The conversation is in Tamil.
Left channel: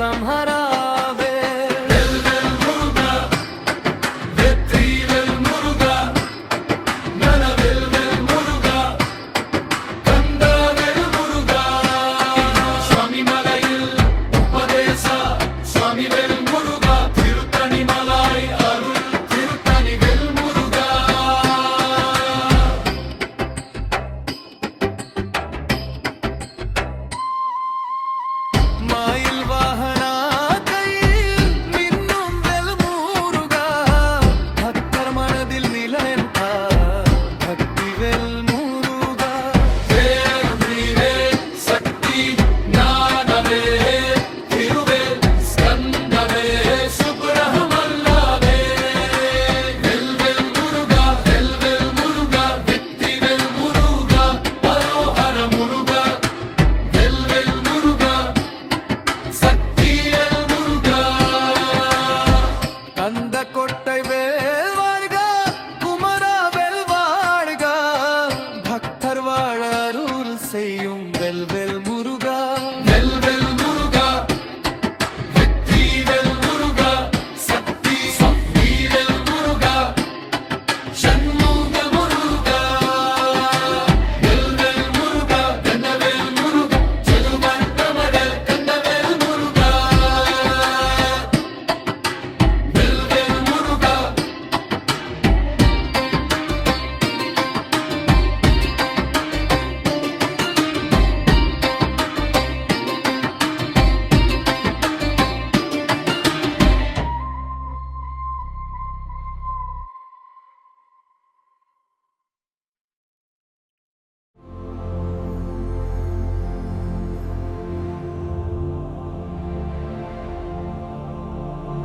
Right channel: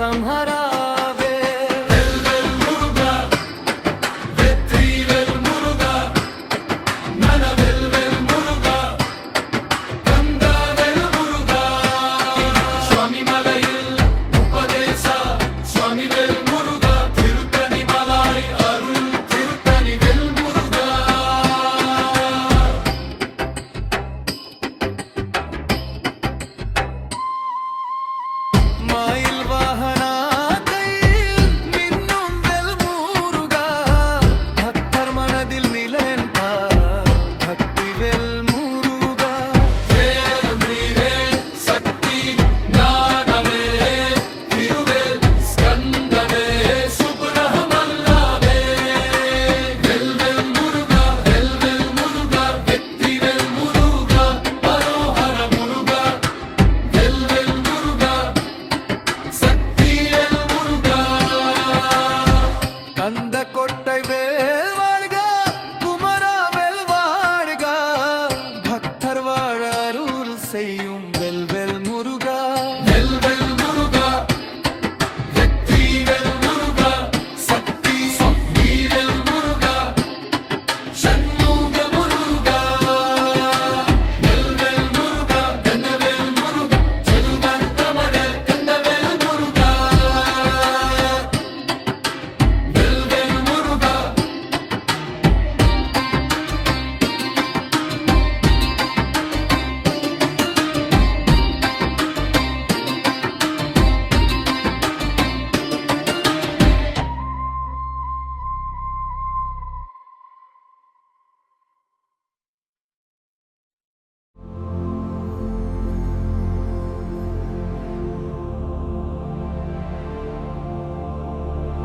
சம்ஹராவே. மயில் வாகனா கையில் மின்னும் வெல் முருகா, பக்தர் மனதில் நிலன்பார் பக்தி வெல் முருகா. சக்தி ஞானவே திருவேல் ஸ்கந்தவே சுப்ரமல்லாவே. வெல் வெல் முருகா வெற்றி வெல் முருகா ஹரோஹர முருகா. வெல் வெல் முருகா கந்த கொட்டை வேல் வாழ்க, குமரா வெல் வாழ்க, பக்தர் வாழ அருள் செய்யும் வெல் வெல்